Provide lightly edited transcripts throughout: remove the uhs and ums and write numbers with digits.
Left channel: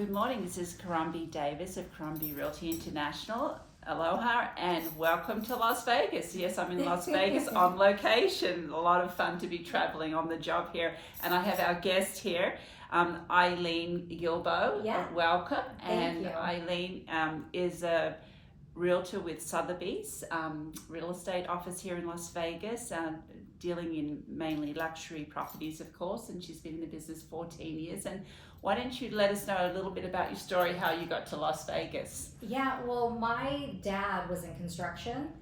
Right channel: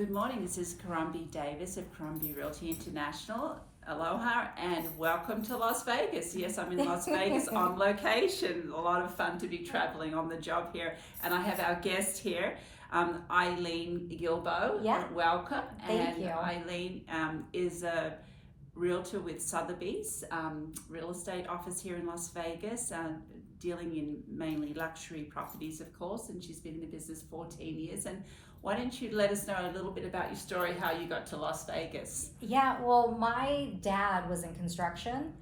Good morning, this is Caron B Davis of Caron B Realty International. Aloha and welcome to Las Vegas. Yes, I'm in Las Vegas on location. A lot of fun to be traveling on the job here. And I have our guest here, Eileen Guilbeault. Yeah. Welcome. Thank you. Eileen is a realtor with Sotheby's real estate office here in Las Vegas, dealing in mainly luxury properties, of course, and she's been in the business 14 years. And why don't you let us know a little bit about your story, how you got to Las Vegas? Yeah, well, my dad was in construction,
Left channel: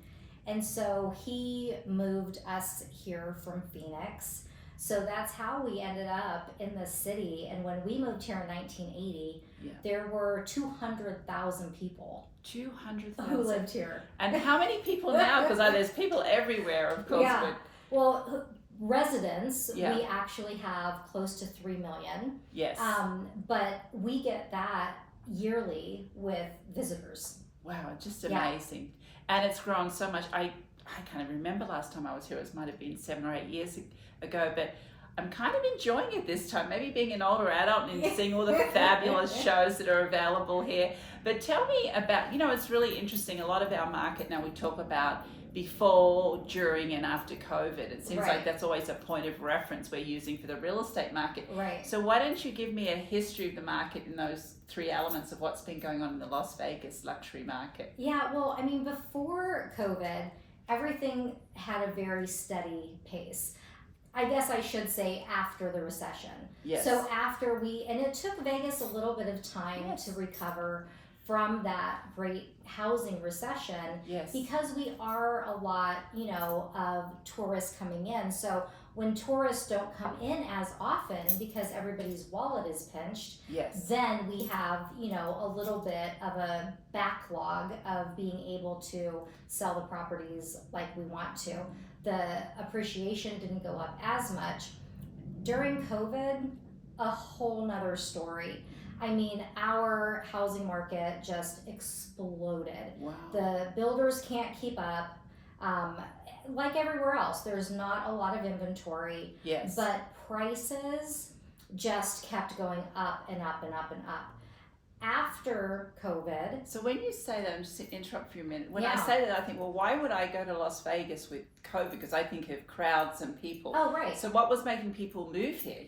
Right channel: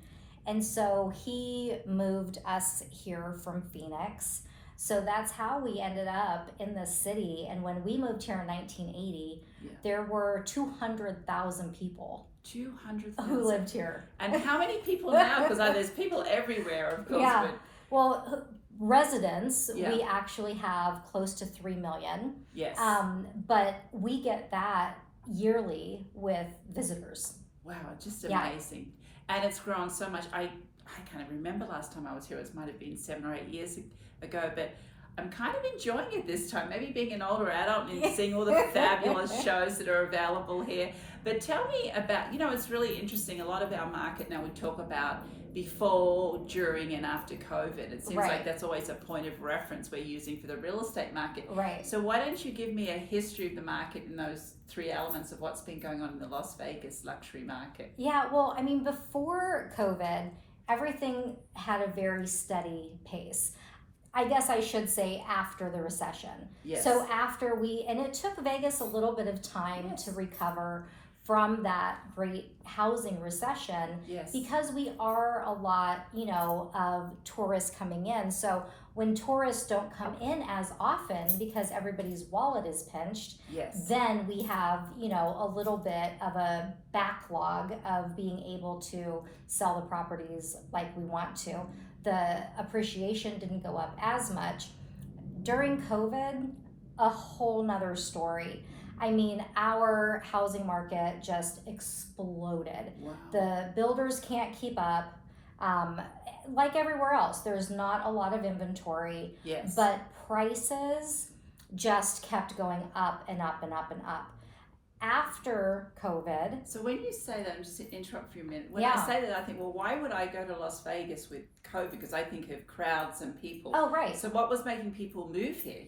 and so he moved us here from Phoenix. So that's how we ended up in the city. And when we moved here in 1980, there were 200,000 people 200,000 who lived here. And how many people now? Because there's people everywhere, of course. Yeah. Well, residents, Yeah. we actually have close to 3 million. Yes. But we get that yearly with visitors. Wow, just amazing. And it's grown so much. I can't remember last time I was here. It might have been 7 or 8 years ago, but I'm kind of enjoying it this time. Maybe being an older adult and seeing all the fabulous shows that are available here. But tell me about, it's really interesting. A lot of our market now, we talk about before, during, and after COVID. It seems like that's always a point of reference we're using for the real estate market. Right. So why don't you give me a history of the market and those three elements of what's been going on in the Las Vegas luxury market? Yeah, well, I mean, before COVID, everything had a very steady pace. I guess I should say after the recession. Yes. So after and it took Vegas a little bit of time to recover from that great housing recession. Yes. Because we are a lot, of tourists coming in. So when tourists don't come in as often because everybody's wallet is pinched, then we have, a little bit of a backlog of being able to sell the properties like we want to. The appreciation didn't go up as much. During COVID, a whole nother story. I mean, our housing market just exploded. Wow. The builders can't keep up. Like everywhere else, there's not a lot of inventory. Yes. But prices just kept going up and up and up and up. After COVID. So when you say that, I'm just to interrupt for a minute. When I say that, I think, well, why would I go to Las Vegas with COVID? Because I think of crowds and people. Oh, right. So what was making people move here,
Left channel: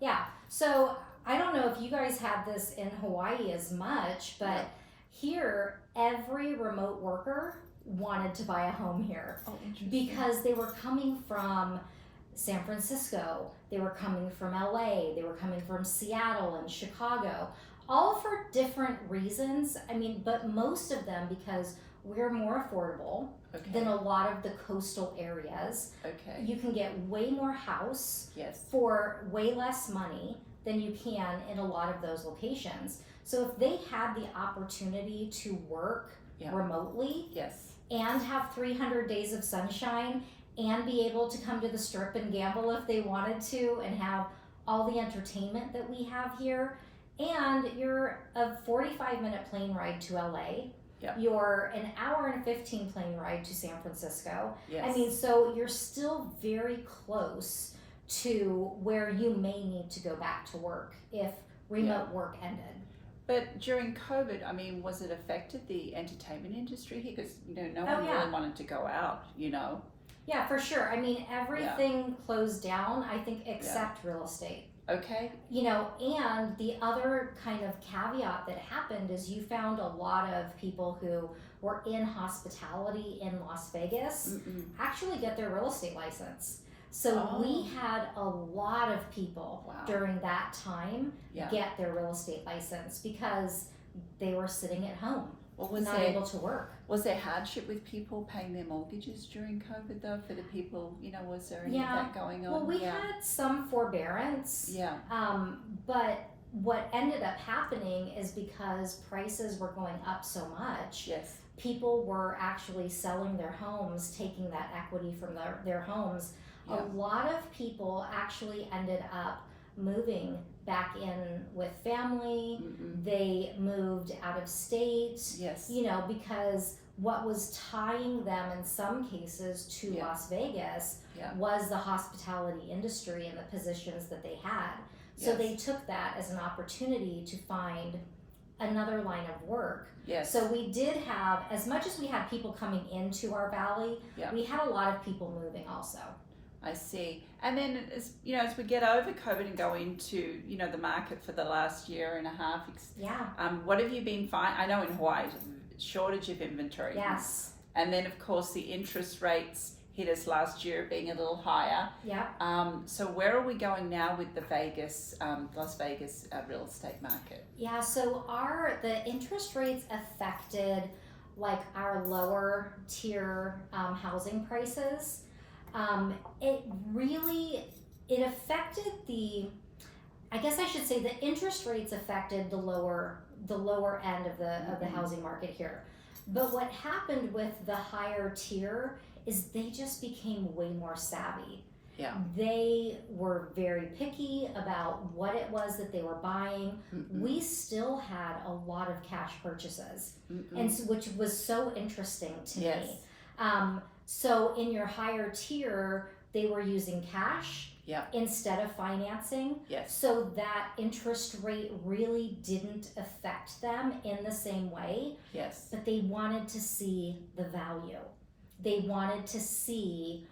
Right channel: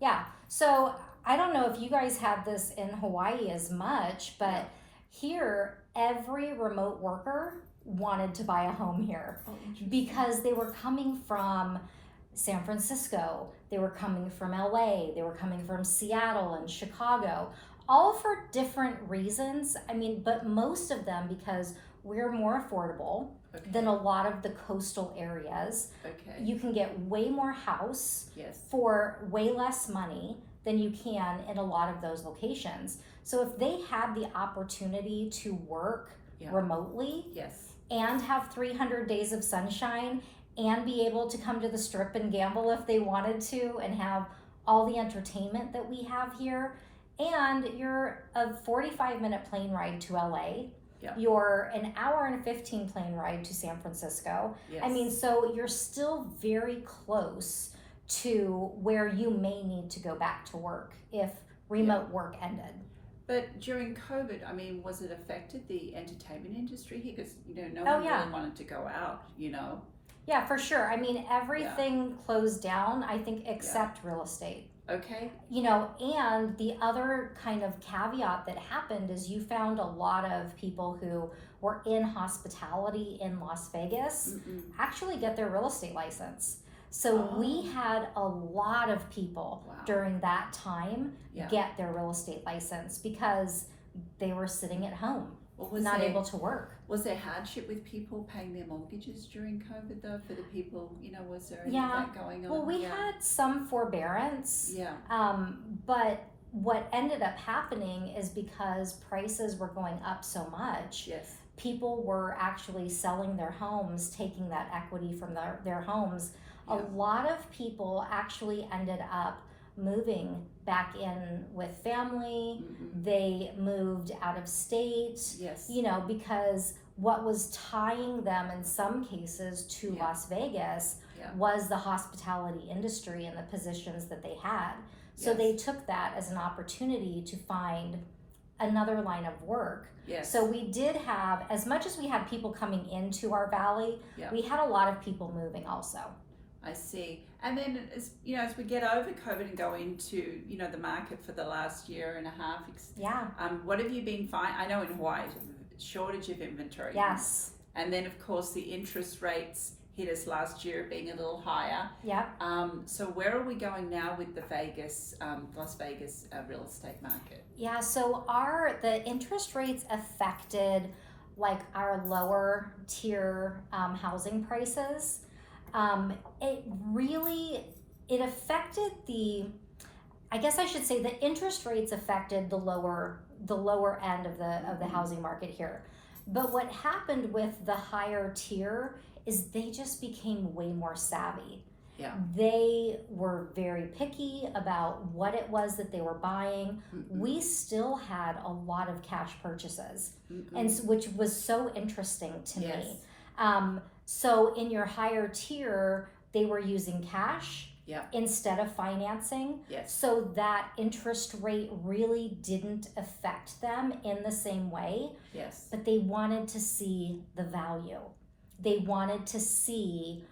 Yeah. So I don't know if you guys have this in Hawaii as much, but here, every remote worker wanted to buy a home here. Oh, interesting. Because they were coming from San Francisco, they were coming from LA, they were coming from Seattle and Chicago, all for different reasons. I mean, but most of them because we're more affordable than a lot of the coastal areas. Okay. You can get way more house for way less money than you can in a lot of those locations. So if they had the opportunity to work remotely and have 300 days of sunshine and be able to come to the Strip and gamble if they wanted to and have all the entertainment that we have here, and you're a 45-minute plane ride to LA, you're an hour and 15 plane ride to San Francisco. I mean, so you're still very close to where you may need to go back to work if remote work ended. But during COVID, I mean, was it affected the entertainment industry here? Because, no one really wanted to go out, Yeah, for sure. I mean, everything closed down, I think, except real estate. Okay. And the other kind of caveat that happened is you found a lot of people who were in hospitality in Las Vegas actually get their real estate license. So we had a lot of people during that time get their real estate license because they were sitting at home, not able to work. Was there hardship with people paying their mortgages during COVID, though, for the people, was there any of that going on? Well, we had some forbearance. Yeah. But what ended up happening is because prices were going up so much, people were actually selling their homes, taking that equity from their homes. A lot of people actually ended up moving back in with family. They moved out of state, because what was tying them in some cases to Las Vegas was the hospitality industry and the positions that they had. So they took that as an opportunity to find another line of work. Yes. So we did have, as much as we had people coming into our valley, we had a lot of people moving also. I see. And then as we get over COVID and go into, the market for the last year and a half, what have you been finding? I know in Hawaii, shortage of inventory. Yes. And then of course the interest rates hit us last year being a little higher. Yeah. So where are we going now with the Las Vegas real estate market? Yeah, so the interest rates affected like our lower tier housing prices. It affected I guess I should say the interest rates affected the lower end of the housing market here. But what happened with the higher tier is they just became way more savvy. Yeah. They were very picky about what it was that they were buying. We still had a lot of cash purchases, and which was so interesting to me. So in your higher tier, they were using cash instead of financing. Yes. So that interest rate really didn't affect them in the same way. Yes. But they wanted to see the value. They wanted to see,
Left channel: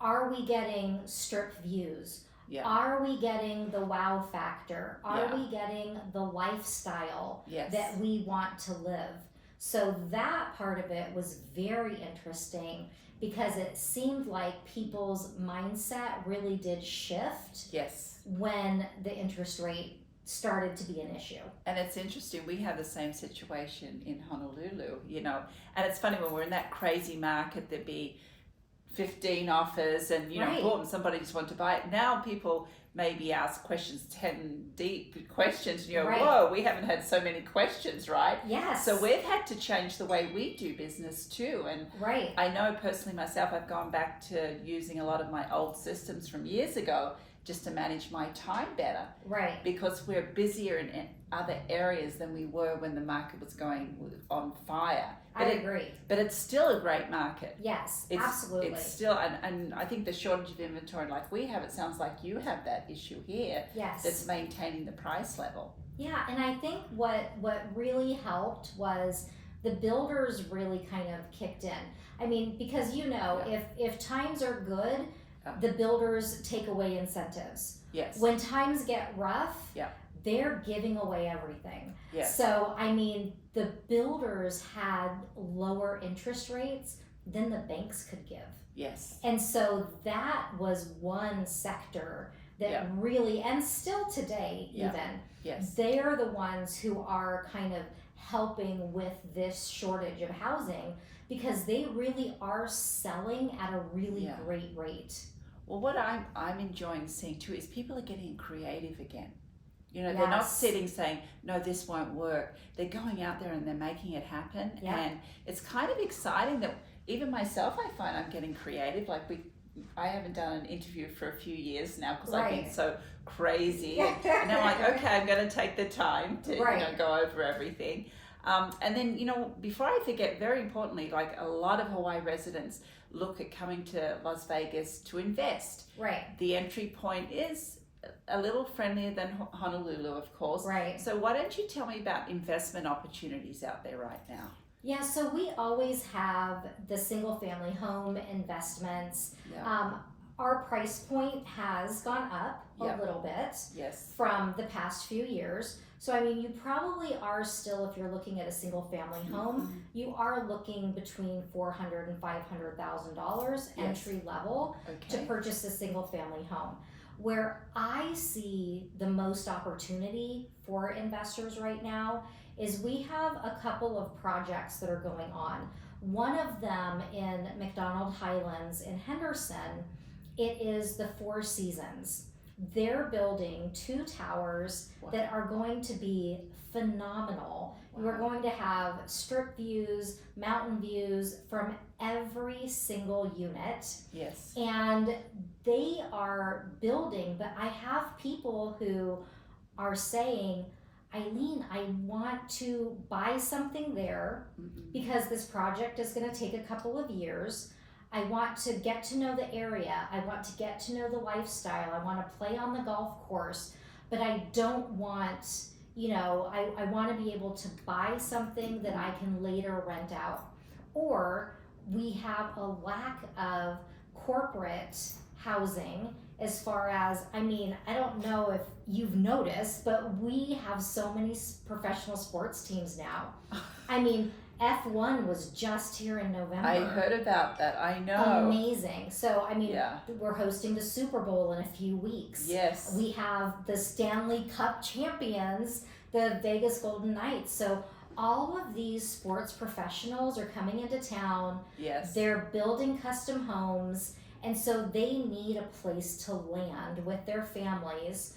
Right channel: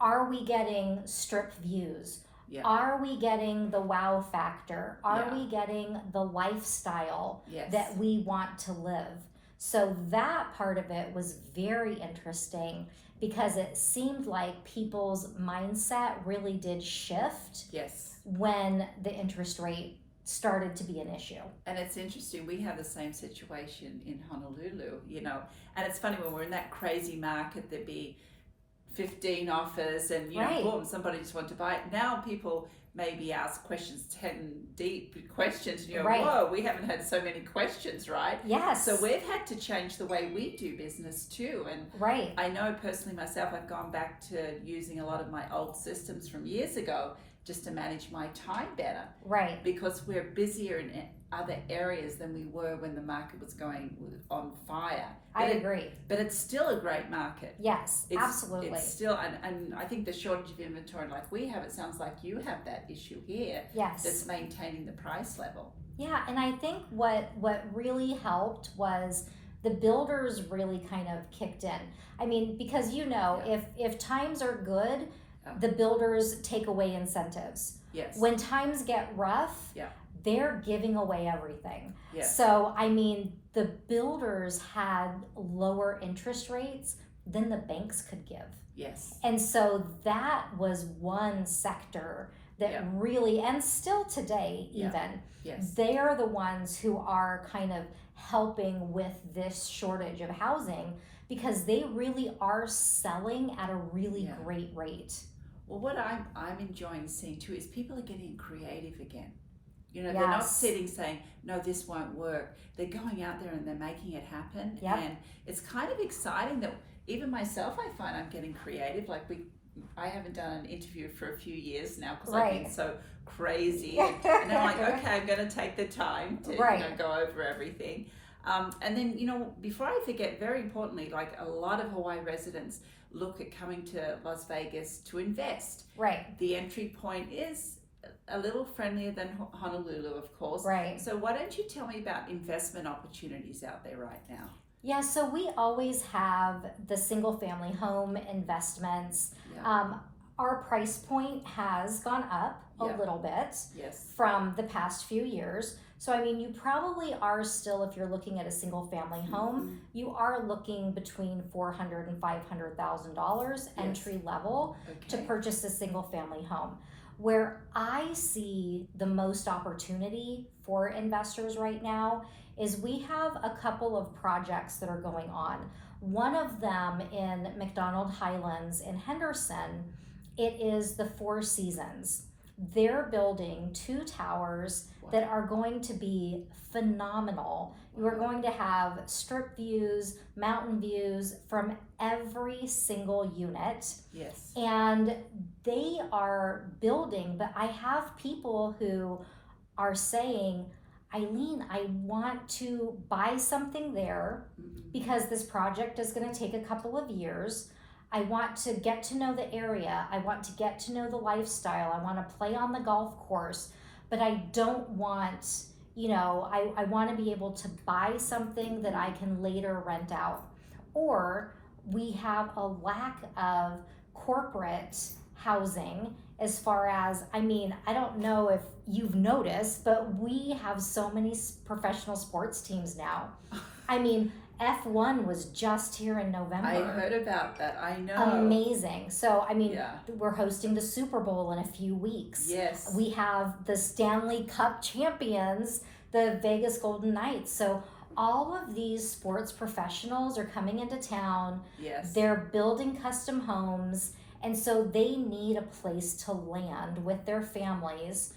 are we getting strip views? Yeah. Are we getting the wow factor? Are we getting the lifestyle that we want to live? So that part of it was very interesting because it seemed like people's mindset really did shift when the interest rate started to be an issue. And it's interesting, we have the same situation in Honolulu, and it's funny when we're in that crazy market, there'd be 15 offers and boom, somebody just wanted to buy it. Now people maybe ask questions, 10 deep questions, whoa, we haven't had so many questions, right? Yes. So we've had to change the way we do business too. And I know personally myself, I've gone back to using a lot of my old systems from years ago just to manage my time better. Right. Because we're busier in other areas than we were when the market was going on fire. I agree. But it's still a great market. Yes, absolutely. It's still, and I think the shortage of inventory like we have, it sounds like you have that issue here. Yes. That's maintaining the price level. Yeah, and I think what really helped was the builders really kind of kicked in. I mean, because if times are good, the builders take away incentives. Yes. When times get rough, they're giving away everything. Yes. So, I mean, the builders had lower interest rates than the banks could give. Yes. And so that was one sector that really, and still today even, they are the ones who are kind of helping with this shortage of housing because they really are selling at a really great rate. Well, what I'm enjoying seeing too is people are getting creative again. They're not sitting saying, no, this won't work. They're going out there and they're making it happen. Yep. And it's kind of exciting that even myself, I find I'm getting creative. Like I haven't done an interview for a few years now because I've been so crazy. And now I'm like, okay, I'm going to take the time to go over everything. And then, before I forget, very importantly, like a lot of Hawaii residents look at coming to Las Vegas to invest. Right. The entry point is a little friendlier than Honolulu, of course. Right. So why don't you tell me about investment opportunities out there right now? Yeah, so we always have the single family home investments. Yeah. Our price point has gone up a little bit from the past few years. So, I mean, you probably are still, if you're looking at a single family home, you are looking between $400,000 and $500,000 entry level to purchase a single family home. Where I see the most opportunity for investors right now is we have a couple of projects that are going on. One of them in McDonald Highlands in Henderson, it is the Four Seasons. They're building 2 towers that are going to be phenomenal. You are going to have strip views, mountain views from every single unit. Yes. And they are building, but I have people who are saying, Eileen, I want to buy something there because this project is going to take a couple of years. I want to get to know the area. I want to get to know the lifestyle. I want to play on the golf course. but I don't want, I want to be able to buy something that I can later rent out. Or we have a lack of corporate housing as far as, I don't know if you've noticed, but we have so many professional sports teams now. F1 was just here in November. I heard about that. I know. Amazing. So, we're hosting the Super Bowl in a few weeks. Yes. We have the Stanley Cup champions, the Vegas Golden Knights. So, all of these sports professionals are coming into town. Yes. They're building custom homes. And so they need a place to land with their families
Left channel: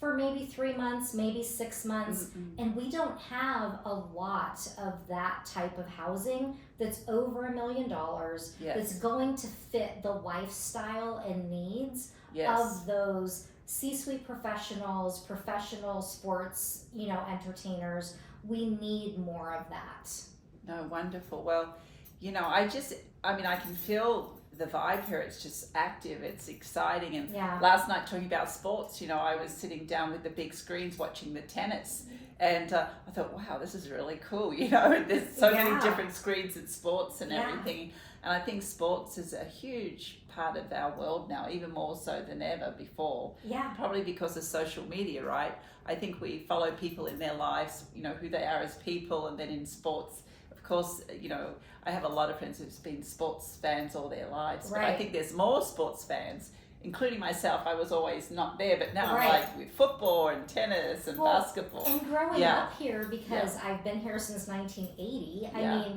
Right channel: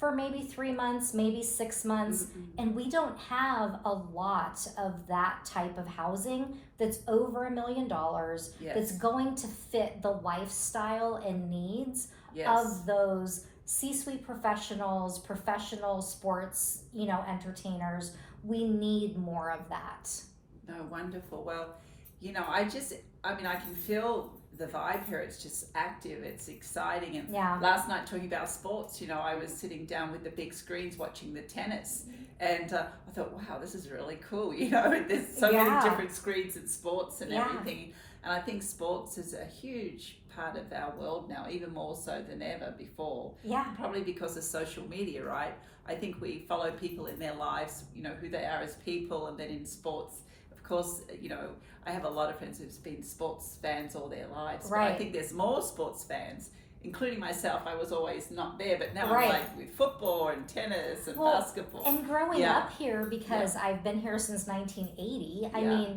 for maybe 3 months, maybe 6 months. And we don't have a lot of that type of housing that's over $1 million, that's going to fit the lifestyle and needs of those C-suite professionals, professional sports, entertainers. We need more of that. No, wonderful. Well, I can feel the vibe here. It's just active, it's exciting. And last night, talking about sports, I was sitting down with the big screens watching the tennis, and I thought, wow, this is really cool. There's so many different screens in sports and everything. And I think sports is a huge part of our world now, even more so than ever before. Probably because of social media, right? I think we follow people in their lives, who they are as people, and then in sports, of course, I have a lot of friends who've been sports fans all their lives. But I think there's more sports fans, including myself. I was always not there, but now I'm like with football and tennis and basketball. And growing up here, because I've been here since 1980,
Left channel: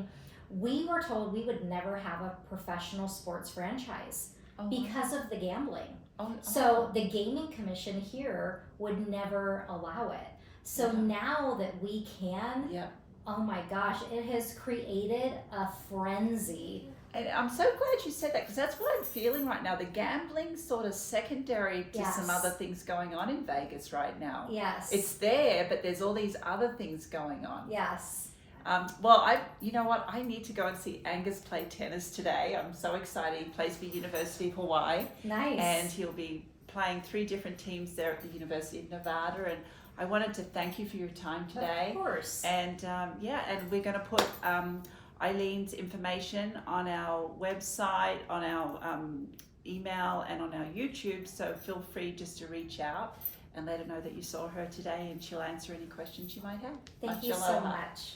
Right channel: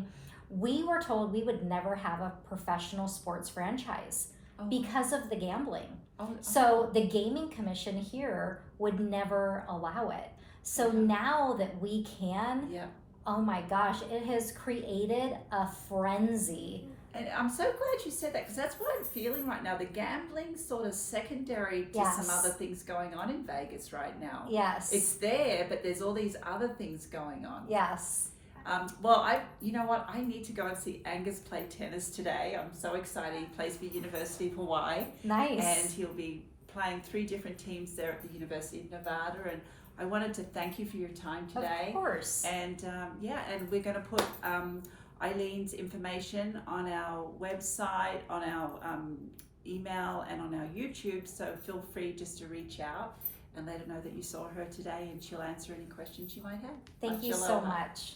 we were told we would never have a professional sports franchise because of the gambling. So the gaming commission here would never allow it. So now that we can, oh my gosh, it has created a frenzy. And I'm so glad you said that, because that's what I'm feeling right now. The gambling's sort of secondary to some other things going on in Vegas right now. Yes. It's there, but there's all these other things going on. Yes. You know what? I need to go and see Angus play tennis today. I'm so excited. He plays for University of Hawaii. Nice. And he'll be playing 3 different teams there at the University of Nevada. And I wanted to thank you for your time today. Of course. And and we're going to put Eileen's information on our website, on our email, and on our YouTube. So feel free just to reach out and let her know that you saw her today, and she'll answer any questions you might have. Thank you so much.